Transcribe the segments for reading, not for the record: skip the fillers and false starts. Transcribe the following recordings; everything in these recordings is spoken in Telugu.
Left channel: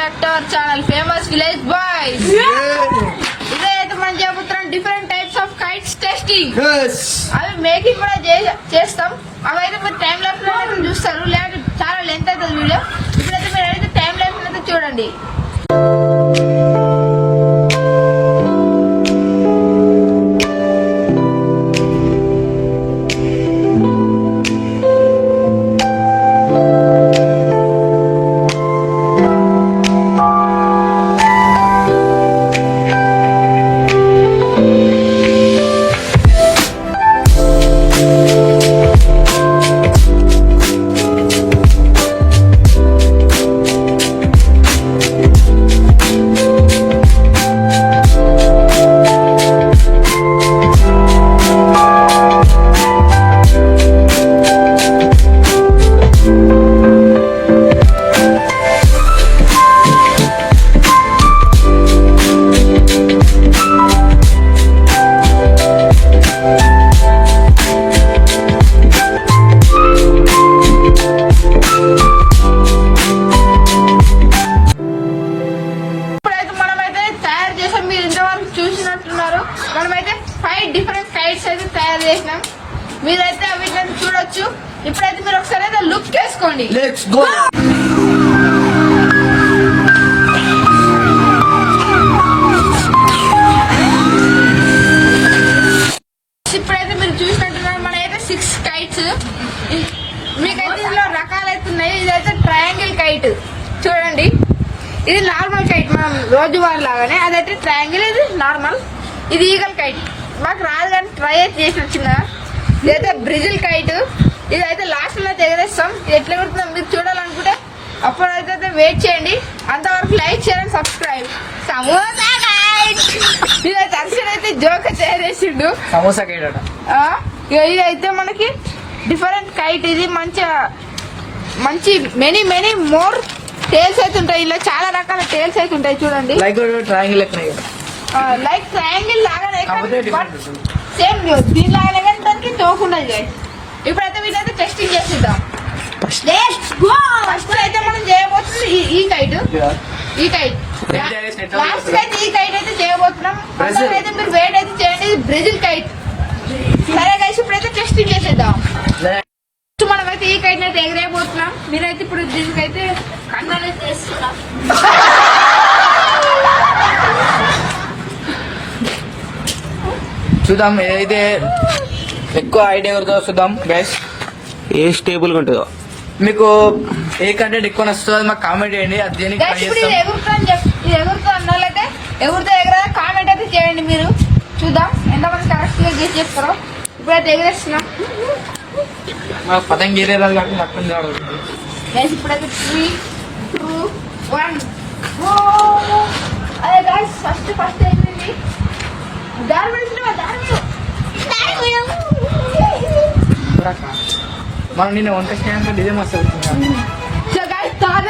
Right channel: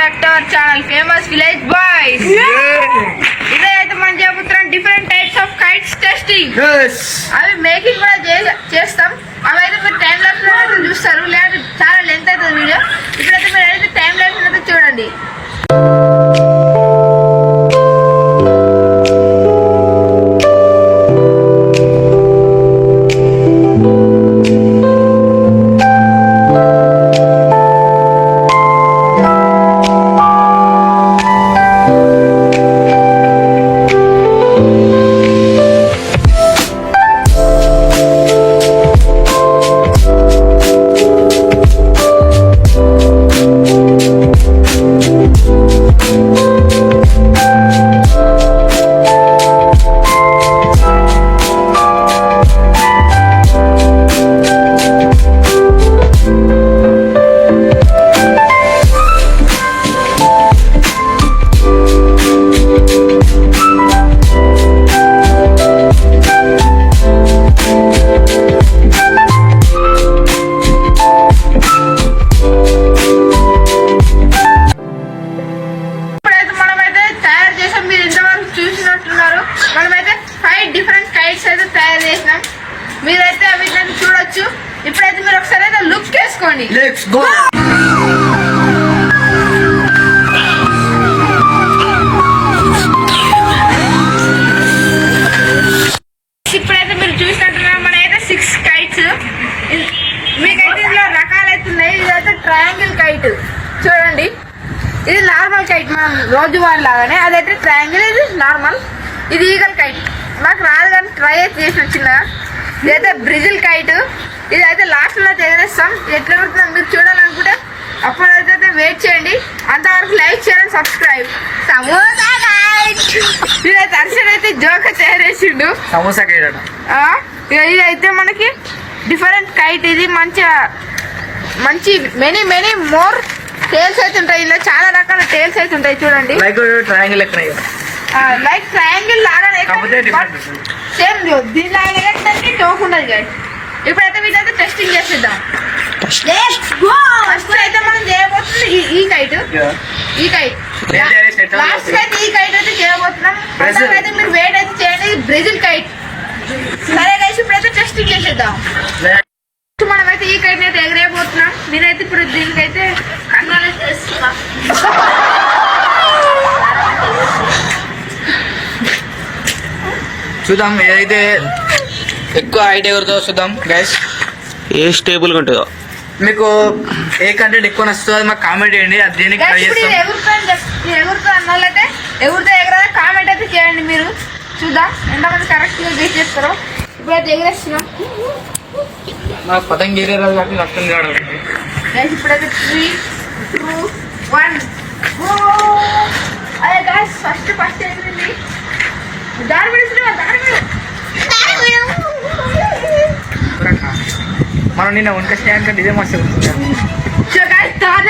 Back to our channel famous village boys. ఇదైతే మనం చెబుతున్నాం different types of kites testing. అవి మేకింగ్ కూడా చేస్తాం. అవి అయితే మీరు టైం ల్యాప్స్ లో చూస్తారు, లేదా చాలా లెంత్ అవుతుంది వీడియో. ఇప్పుడైతే మీరు అయితే టైం ల్యాప్స్ అయితే చూడండి. మనమైతే 5 డిఫరెంట్ కైట్స్ అయితే తయారు చేసినాం. మీరైతే అవి చూడొచ్చు. ఇప్పుడైతే మీరు ఒకసారి అయితే లుక్ చేసుకోండి. ఇప్పుడైతే మీరు చూసినట్టున్నారు మనైతే 6 కైట్స్. మీకైతే ఇందులో రకాలు అయితే ఉన్నాయి. ఇదైతే ట్రయాంగిల్ కైట్ చూడండి. ఇది నార్మల్ కైట్ మనం రోజువారి లాగానే, అదైతే ట్రయాంగిల్, ఇది నార్మల్. ఇది ఈగల్ కైట్, నాకు రాదు కానీ ట్రై అయితే చేసి వచ్చిన. ఇదైతే బ్రిజిల్ కైట్. ఇదైతే లాస్ట్ లో ఎగరేస్తాం. ఎట్లా పెడుతున్నాం మీరు చూడాలనుకుంటే అప్పుడైతే వెయిట్ చేయండి. అంతవరకు లైక్ చేయండి, సబ్స్క్రైబ్. సమోసా కైట్. ఇదైతే అర్షడ్ అయితే జోక్ తయారు చేసిండు. సమోసా కైట్ అట. ఇదైతే మనకి డిఫరెంట్ కైట్. ఇది మంచి మెనీ మోర్ టేల్స్ అయితే ఉంటాయి. ఇలా చాలా రకాల టేల్స్ అయితే ఉంటాయి చూడండి. లైక్ ట్రయాంగిల్ లైక్ ట్రయాంగిల్ లాగానే సేమ్ దీని లాగానే తోకుండదు. ఇప్పుడైతే వీటైతే టెస్టింగ్ చేసిద్దాం. ఫస్ట్ అయితే మనం చేయబోతుంది ఈ కైట్. లాస్ట్ అయితే ఈ కైట్ అయితే చేయబోతున్నాం. అయితే మీరు వెయిట్ అయితే చేయండి. Brazil kite. సరే గైస్, ఇప్పుడైతే టెస్టింగ్ చేసేద్దాం. మనమైతే ఈ కైట్ అయితే ఎగరేయబోతున్నాం. నేనైతే ఇప్పుడు దీనికైతే కంట్రోల్ చేస్తున్నా. చూద్దాం ఏదైతే ఎక్కువ హైట్ ఎగురుతో చూద్దాం గైస్. ఏ స్టేబుల్ ఉంటుందో మీకు ఏ కంటెంట్ ఎక్కువ నచ్చుతుంది మాకు కామెంట్ చేయండి. అది దేనికి ఎగురుతా అన్న వాళ్ళైతే ఎగురుతా ఎగరా కామెంట్ అయితే చేయండి. మీరు చూద్దాం ఎంతమంది కరెక్ట్ గా గెస్ చేస్తారో. ఇప్పుడైతే ఎగరేస్తున్నాం. మాకు పతంగి గీరే రాదు కాబట్టి నచ్చింది కాదు. ఇప్పుడైతే 3, 2, 1 అదే గైస్ ఫస్ట్ ఏంటండి దారి మనం నిన్న వంట చేయడానికి డిజే మస్తు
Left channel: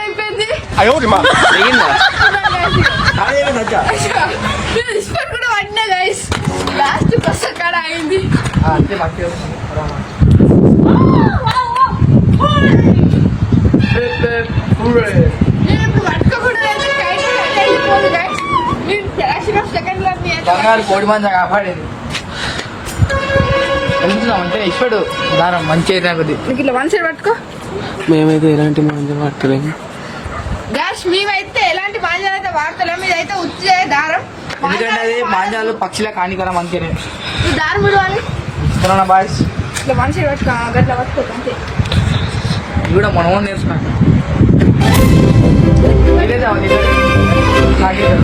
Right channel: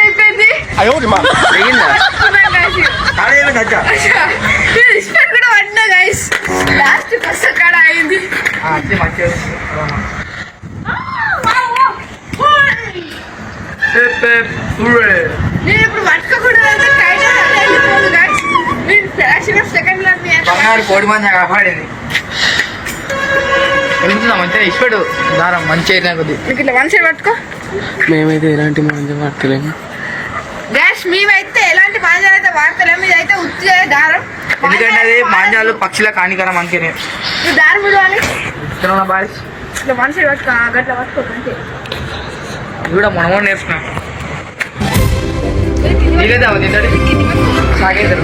అయిపోయింది. కూడా పడినా గైస్ లాస్ట్ కష్ట కాడ అయింది. నేను ఇప్పుడు పట్టుకోకూడదు. వెళ్ళిపోదు గైస్. సెకండ్ బంగారు కోడి మంచి కాపాడేది. వెళ్తున్నా మంచిగా ఇచ్చాడు దారం మంచిగా ఇట్లా వన్ సైడ్ పట్టుకో. మేమైతే ఎలాంటి మాంజం వాడతలేము గ్యాస్. మేమైతే ఎలాంటి మాంజాలు అయితే వాడతలేము. ఇదైతే ఉత్తే దారం. ఎందుకంటే అది మాంజాలు పక్షుల కానికరా మంచిగా దారం విడవాలి. బాయ్స్ ఇట్లా వన్ సైడ్ పట్టుకో. గట్లా పట్టుకో అంతే. ఇది కూడా మనం నేర్చుకున్నాం. దిగేద్దాం సాగేద్దాం.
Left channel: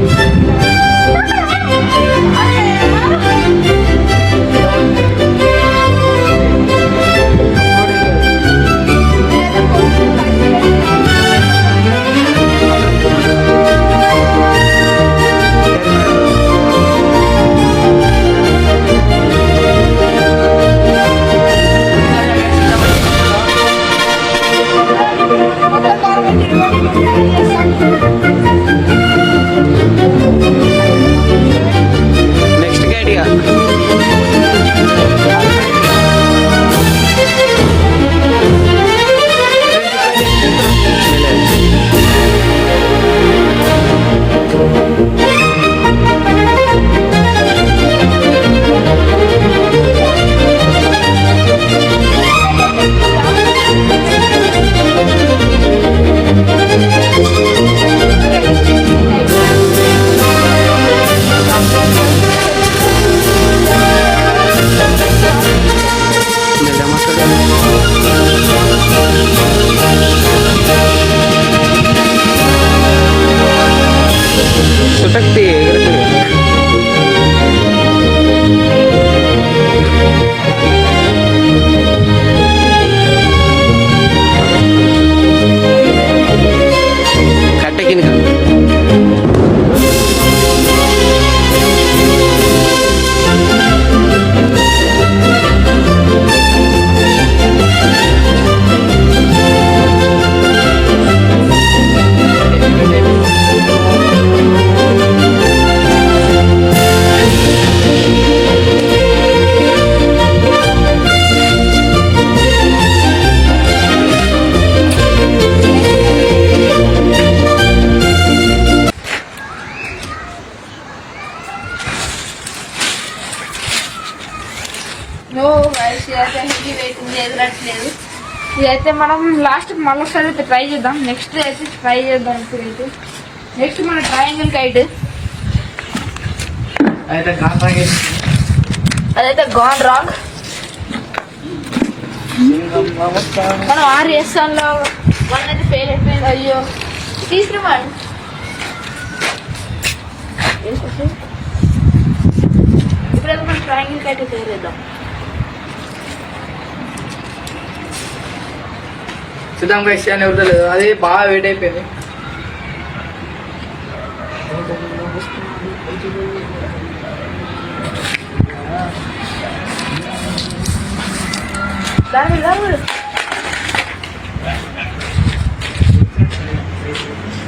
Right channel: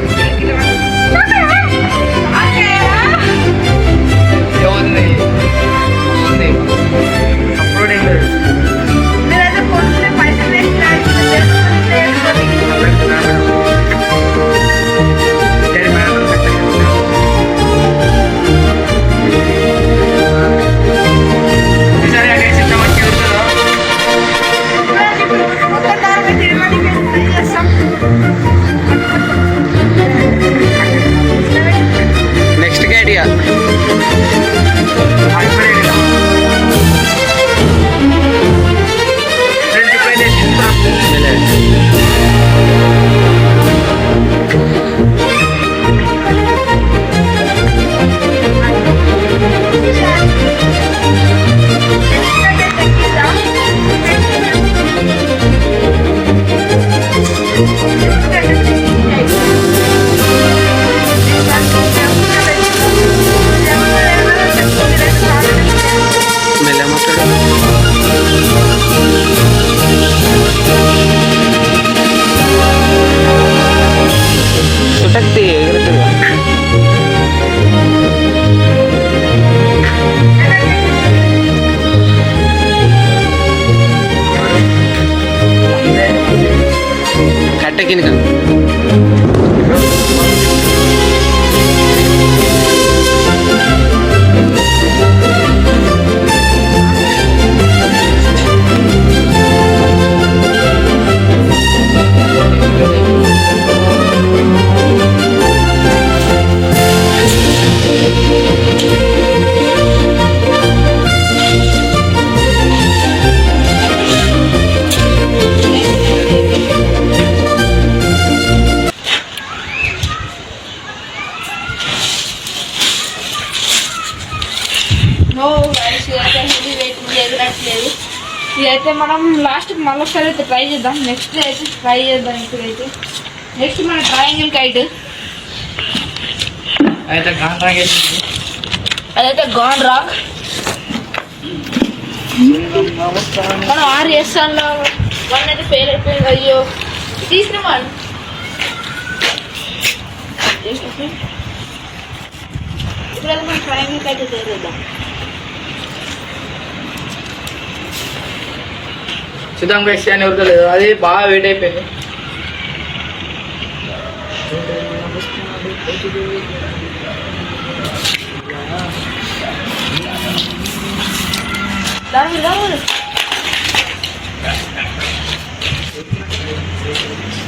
ఇప్పుడైతే మనం లాస్ట్ మళ్ళీ ఒకసారి అయితే ట్రై చేద్దాం. నెక్స్ట్ అయితే ట్రై చేద్దాం. ఇప్పుడైతే నెక్స్ట్ మన ట్రయాంగిల్ కైట్ అదైతే గాన్ రాక్. మనం 6 చేస్తాంలో 1 అయితే ఫెయిల్ అయిపోయింది. అయ్యో తీసుకున్నాం. ఇప్పుడైతే మనం ట్రయాంగిల్ కైట్ తయారు చేద్దాం. చూద్దాం గైస్ అని ఎవరు అది బాగా వెయిట్ అయిపోయింది.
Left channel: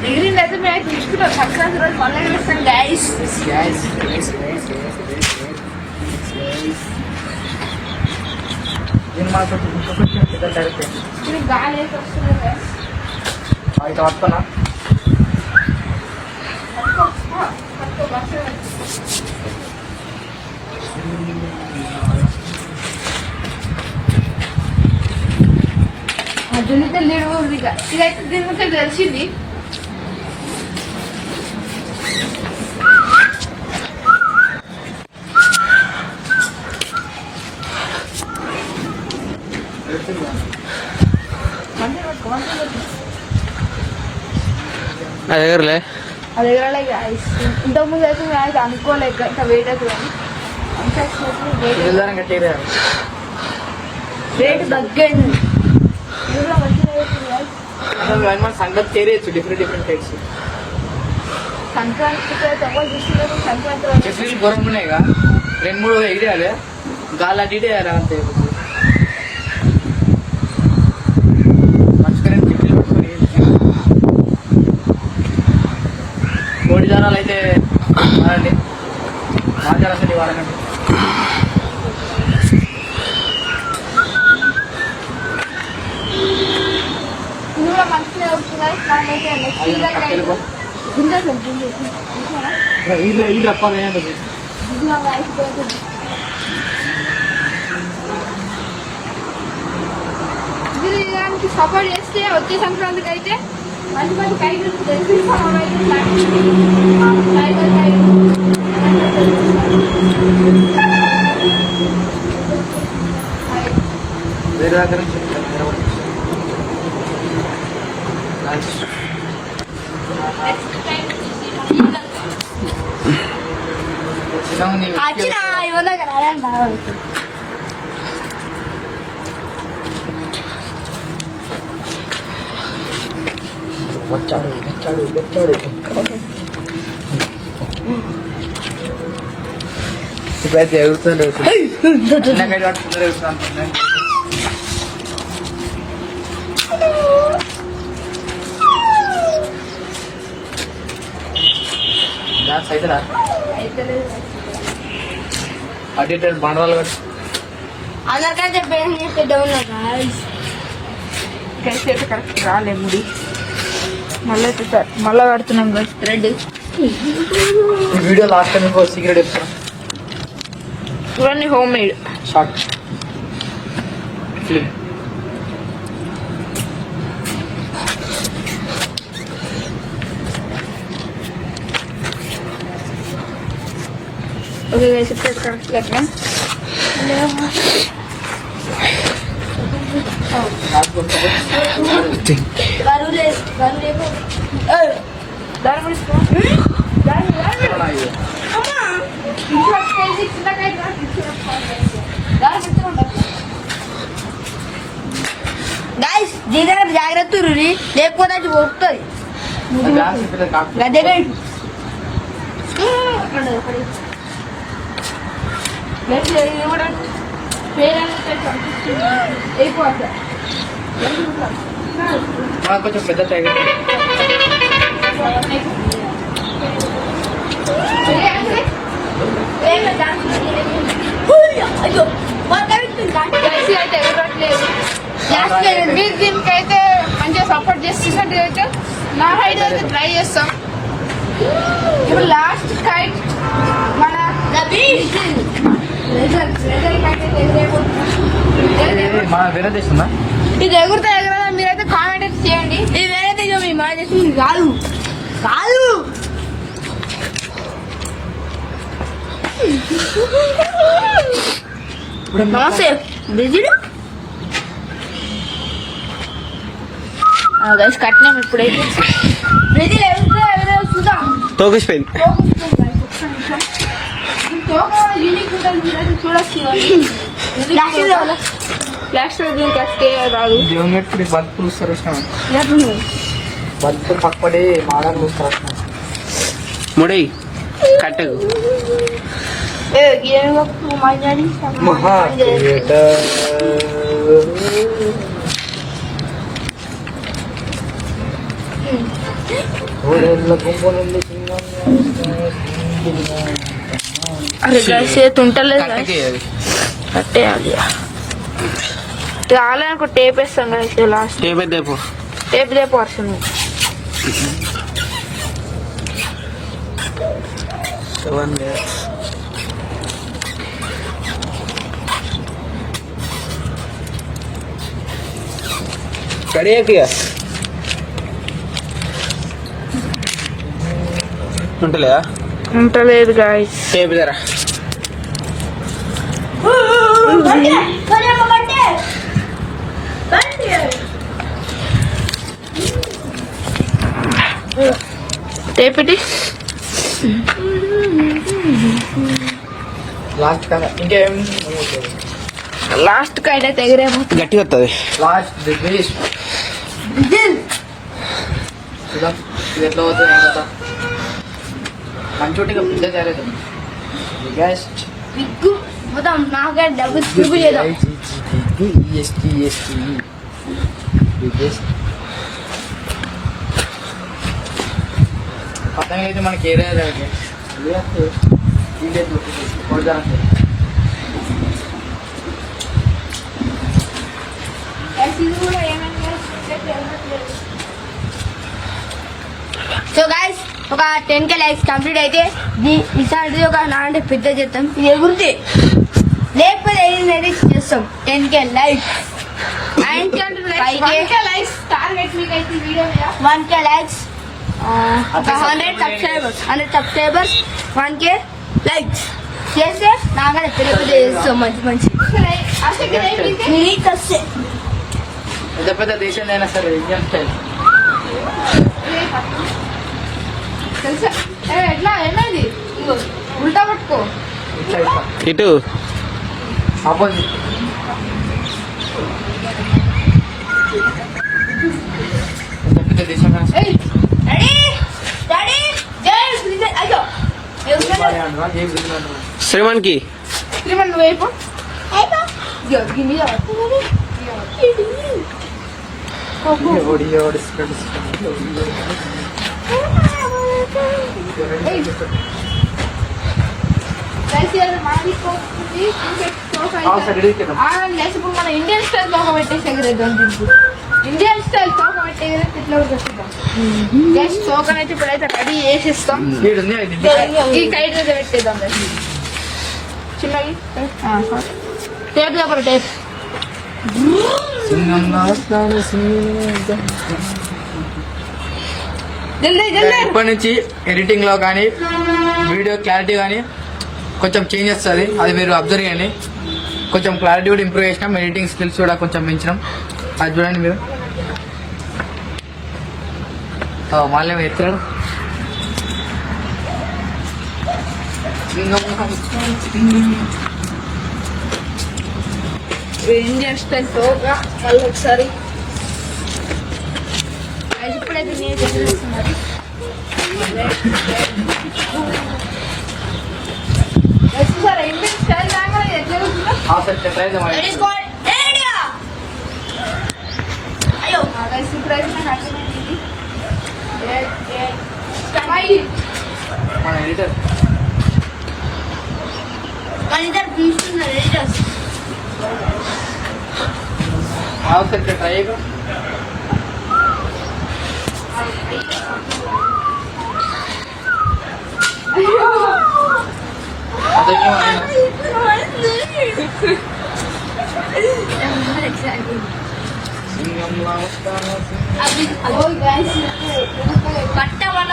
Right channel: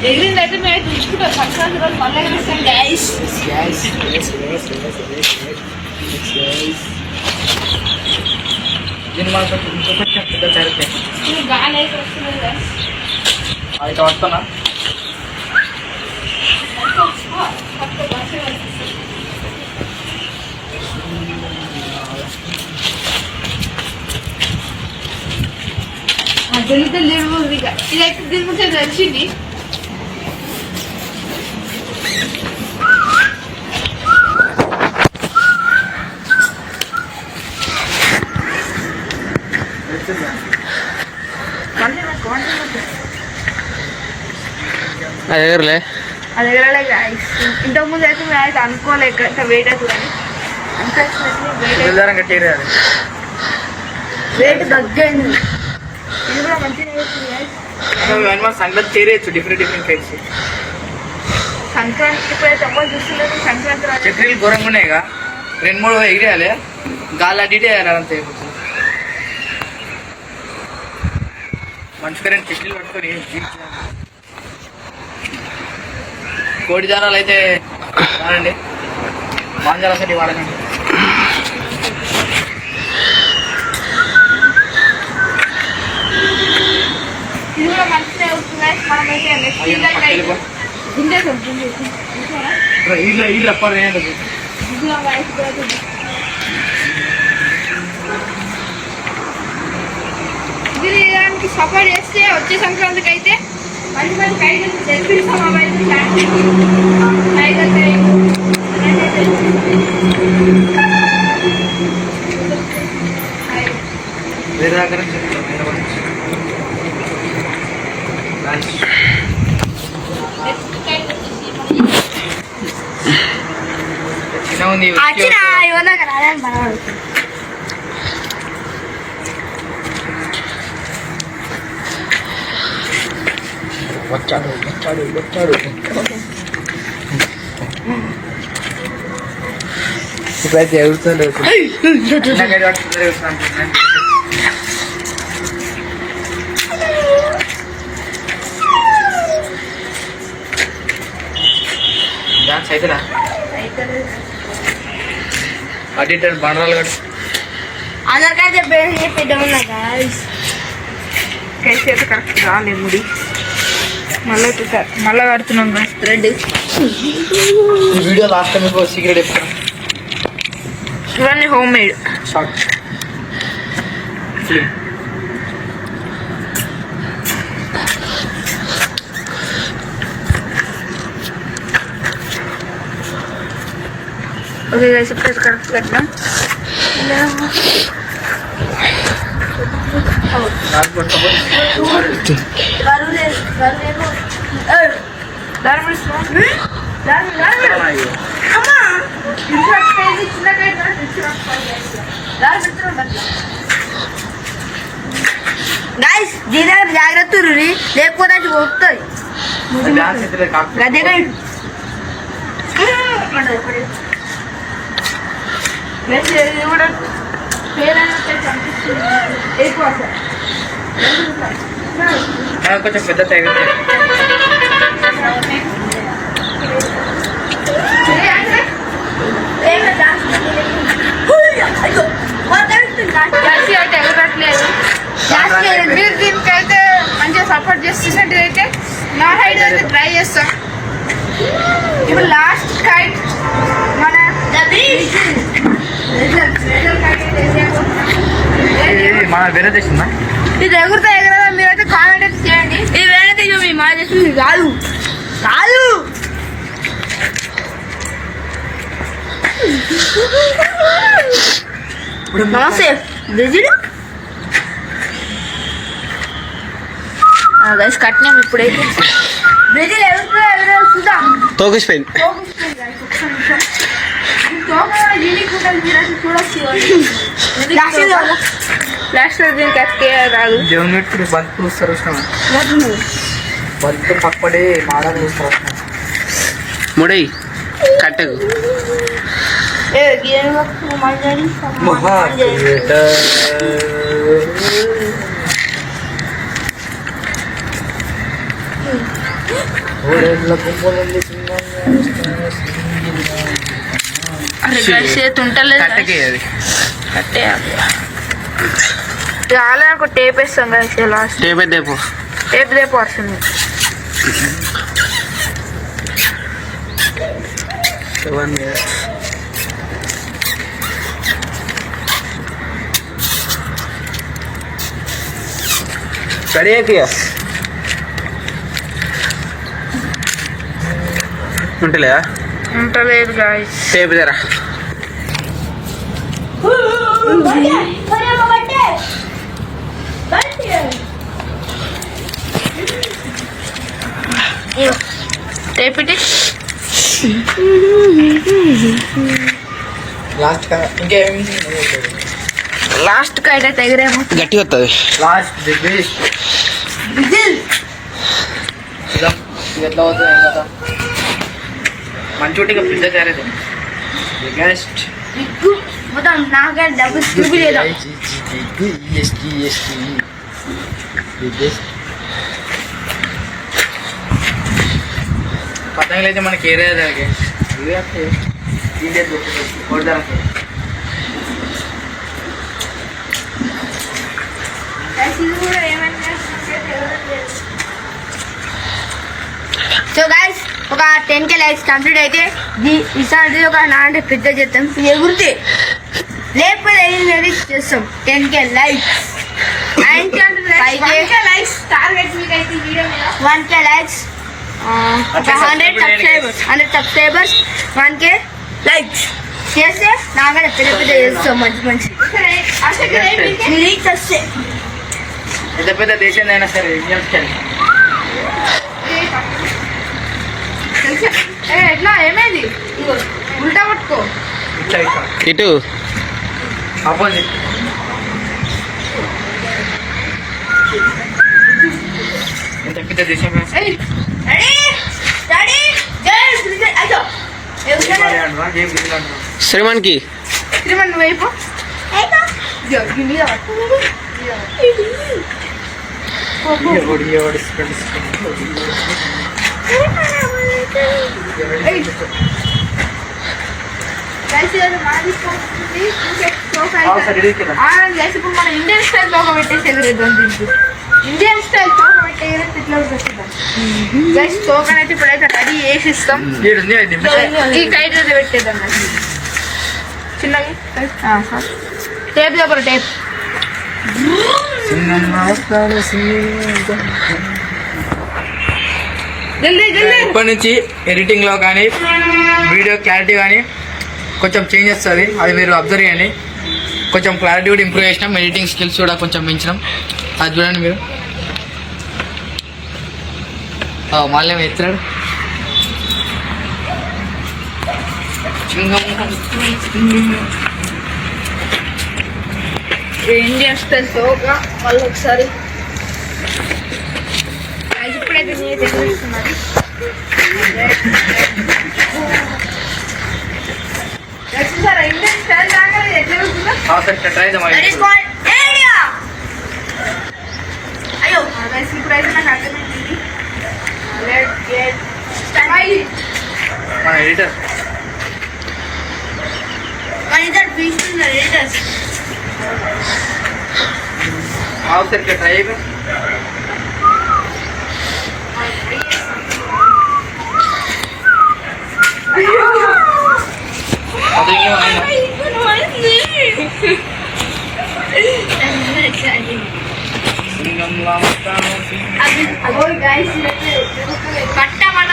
ఎగిరింది అయితే మేము తీసుకుంటాం. సంక్రాంతి రోజు మళ్ళీ ఎగిరిస్తాం గైస్. గాలి అయితే వస్తుంది గైస్. అయితే వస్తున్నా దళిత లేడు ఇదైతే దీని ముందు తెలిసింది. నా దగ్గరలే అది ఎగరలే గైస్. ఇంతకుముందు అయితే మేము అయితే అనుకోలేక ఇంత వెయిట్ అవుతుంది కానీ వెయిట్ తగ్గండి. ఇది కూడా మంచిగా అవుతుంది గైస్. సంక్రాంతి చేరేయచ్చు డిఫరెంట్ కైట్స్. సంక్రాంతి ఇప్పుడైతే ఎవరు చూస్తున్నారు. సంక్రాంతి చక్రీలు ఘోరంగా ఉన్నాయిగా 2-3 ఎగిరేయాలి. గాలి అడ్డు వేయాలి. అంతే మంచి చక్రీలు పట్టుకొని కోడి జానాలు అయితే వాడండి. మా జానాలు వాడకండి. ఇది కూడా మంచిగా అవుతుంది గైస్. మనం అయితే నెక్స్ట్ ఇది దానికి సపోర్ట్ చేస్తే వచ్చే సంక్రాంతికి అయితే మంచి మంచి కైట్ తెప్పిస్తాం. అవైతే టైగర్ కైట్ వేరే దగ్గర చిన్న ఉంది. వచ్చాడు ఇప్పుడైతే ఎగురుతుంది. చిన్నగా డాన్స్ అవుతుందా అడిటర్ బండరాలు కట్టు. అందరికైతే పెద్దవాళ్ళ గైస్ కైతే అయితే కరెక్ట్ రాలేదు ముడి. మళ్ళీ అయితే మళ్ళీ కడుతున్నాం guys thread. Video last time secret చెప్తాను. ఇవన్నీ home made short film. Okay guys ఇప్పుడు కరెక్ట్ కట్టినాం. గైస్ దీని దగ్గర జాగ్రత్త లేకపోతే అది పోతుంది. గదే ఇది కూడా ఫెయిల్ అయినట్టు అనిపిస్తుంది. అయిపోతుంది కొంచెం పెద్ద టైగర్ అయితే ఎగరట్లేదు. మీరు దీనికైతే మంచిగా సపోర్ట్ చేస్తున్నట్టు అయితే నా హైట్ అయితే ట్రై చేస్తాం. ఇప్పుడు లాస్ట్ కైట్ మన మన వేరే దేశం ఇది ఎగురుతా ఎగర కామెంట్ అయితే చేయండి. ఇది వేరే మీ మాట చేస్తుంది కాదు కాదు. నమస్తే బ్రెజిల్ గైస్ కట్టినాం ఇప్పుడైతే. బ్రెజిల్ ఎవరు చూద్దాం. తోకిసిపోయింది. ప్లాస్టర్ దీనికి అతికే రాదు. దేవుని పెట్టి బంతి పూస్తారు బంతి పక్కడే మాడాలు పూస్తారు. ముడై కట్టకు. ఉంటలేదు కట్టకే అది కట్టేయాలి. చాలా టేప్ వేస్తాం కదా లాస్ట్. టేప్ దేపు. టేప్ దేపు వస్తుంది. కడియాకియా ఉంటలేదా? ఉంటలేదు గాయస్. టేప్ జరా. టేప్ ఇటీ లాస్ట్ కదా ఇంకేం లాస్ట్ కైట్ అయితే ఎగరేమో. గట్టిగా వస్తుంది. లాస్ట్ ఇది ఎట్లా అవుతుంది ఏం కదా మంచోటిగా పిజ్జా తయారైతే గెస్ట్ బిగ్గు మొత్తం నాకే డబ్బు చూపిలేదా. పతంగులు అయితే మనకి ఏరియా దానికి ఇది కూడా ఏమైనా. సో గైస్ ఒక 10K లైక్స్ కంప్లీట్ అయితే ఈసారి ఒక 9 పెద్ద చేస్తాం. ఇది ఎగురితే లేకపోతే ఏది చేస్తాం. 10K likes 1K likes target మీకు అయితే వీడియో మీద 1K likes 100 subscribers 1K likes చేస్తే నాకైనా పెద్ద పెద్ద చేస్తాం. మంచి మంచి రీచ్ వస్తే పెద్ద పెద్ద దేశం అయినా సరే ఎట్లా ఏమైంది ఉల్టా పట్టుకో ఇటు ఆపోజిట్ ఎంత పెద్ద దేశం శ్రీమాన్కి శ్రీమన్ నువ్వు అయిపో ఇప్పుడు మన ఇండియన్ స్టైల్ తోక పెట్టేసి ఎగరేద్దాం. దీనికి ఇండియన్ స్టైల్ తోక పెట్టి ఎగరేసి ఇట్లా పెట్టేద్దాం. గైస్ తోకనైతే ఇప్పుడైతే రెడీ చేసిస్తాం. ఈ కైట్ అయితే పెట్టేద్దాం చిన్నవి. టేప్ చెప్పరు టేప్ ఇప్పటి నుంచి ఎడిటింగ్ లో కానీ వీడియో క్లారిటీ కానీ కొంచెం చేంజ్ వస్తుంది. అది మీరు అబ్జర్వ్ చేయండి. కొంచెం క్లారిటీ కూడా ఇంప్రూవ్ చేసినాం. ఎడిటింగ్ స్కిల్స్ కూడా కొంచెం పెంచినాం. అది చూడండి మీరు. మళ్ళీ ఎత్తాడు ఇండియన్ స్టైల్ తోక మళ్ళీ ఒకసారి ఇప్పుడైతే నేను చదివిస్తున్నాను. ఇండియన్ స్టైల్ రాగానే ఎట్లా అయ్యో ఇప్పుడైతే నాకు అర్థమైంది. మన ఎడిటర్ మన ఇద్దరు తీసుకున్నారు ఎడిటర్స్. అవసరం ట్రై అయిపోయి సింగంలా పట్టమన్న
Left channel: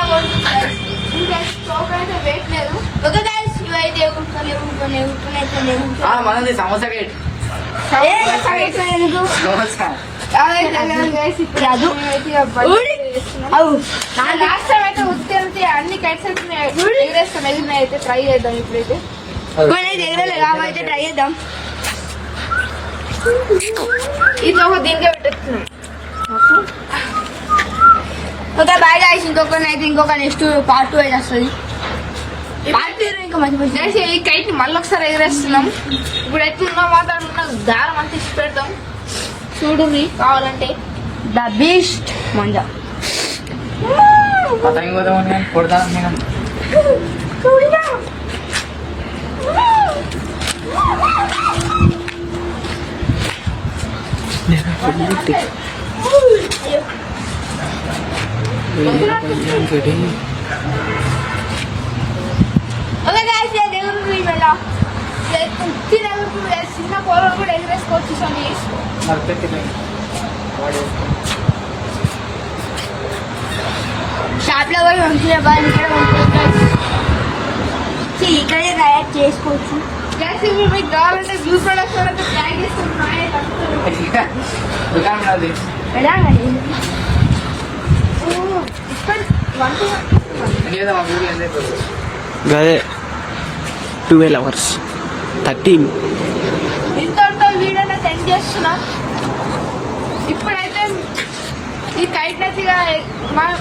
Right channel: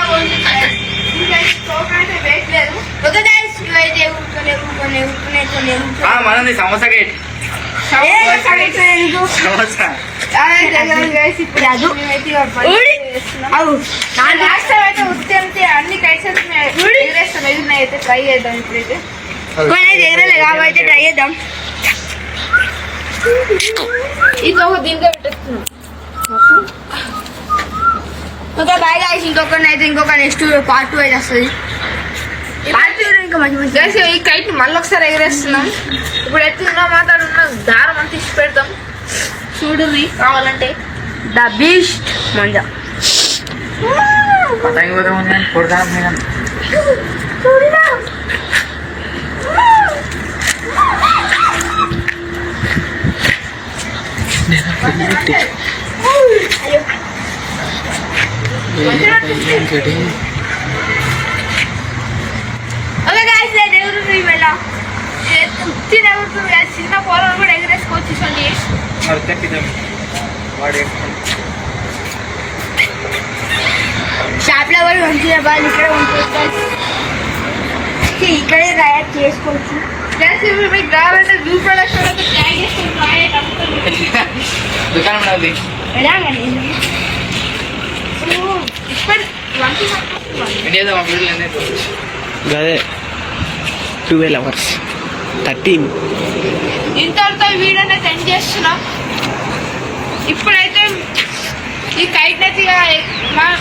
అయితే వేయట్లేదు ఒక గైస్ అయితే ఊరుకునే మనది samosa gate samosa last time అయితే ఉత్తే అన్ని కైట్స్ ఎగరేస్తాం ఎగురున్నాయి అయితే ట్రై చేద్దాం ఇప్పుడైతే ఎగరలే కాబట్టి ట్రై చేద్దాం ఇది ఒక దీనికే పెట్టేస్తున్నాం ఓకే బాయ్ గాయ్స్ ఇంకొక నెక్స్ట్ పార్ట్ 2 అయితే వస్తుంది ఇంకా మంచి ఈ కైట్ మళ్ళీ ఒకసారి ఎగరేస్తున్నాం ఇప్పుడు ఎత్తున్నా మాట్లాడుతున్నా దారం అంతా ఇచ్చి పెడతాం చూడుర్రి కావాలంటే ద బీస్ట్ మంజా పతంగి పోతాం కొడతాం నేను ఓకే గాయ్స్ ఎగురుతుంది ఇవాళ చిన్న పోలను కూడా ఎగరేసుకోవచ్చు సండి షాప్ లో పోయి మంచిగా బాగా ఇక్కడ ఇక్కడే తయారు చేసుకోవచ్చు మీకు కావాలంటే వ్యూ ప్రొడక్షన్ అయితే ప్లాన్ దుకాణం అది ఎలా గదే 12 hours 13 ఇంతటితో వీడియోని సెండ్ చేస్తున్నాం ఇప్పుడైతే ఈ కైట్ నచ్చిగా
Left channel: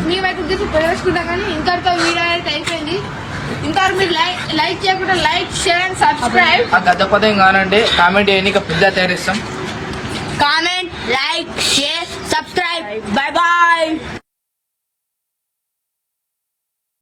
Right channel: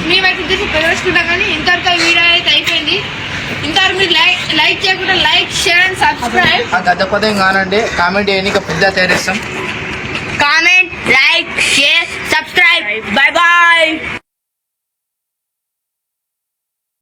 మేమైతే చూసి ప్రదర్శించుకుంటాం కానీ ఇంతటితో వీడియో అయితే అయిపోయింది ఇంతవరకు మీరు లైక్ చేయకుండా లైక్ షేర్ అండ్ సబ్స్క్రైబ్ ఆ గద్ద పదం కానండి కామెంట్ చేయని పెద్ద తయారిస్తాం comment like share subscribe bye bye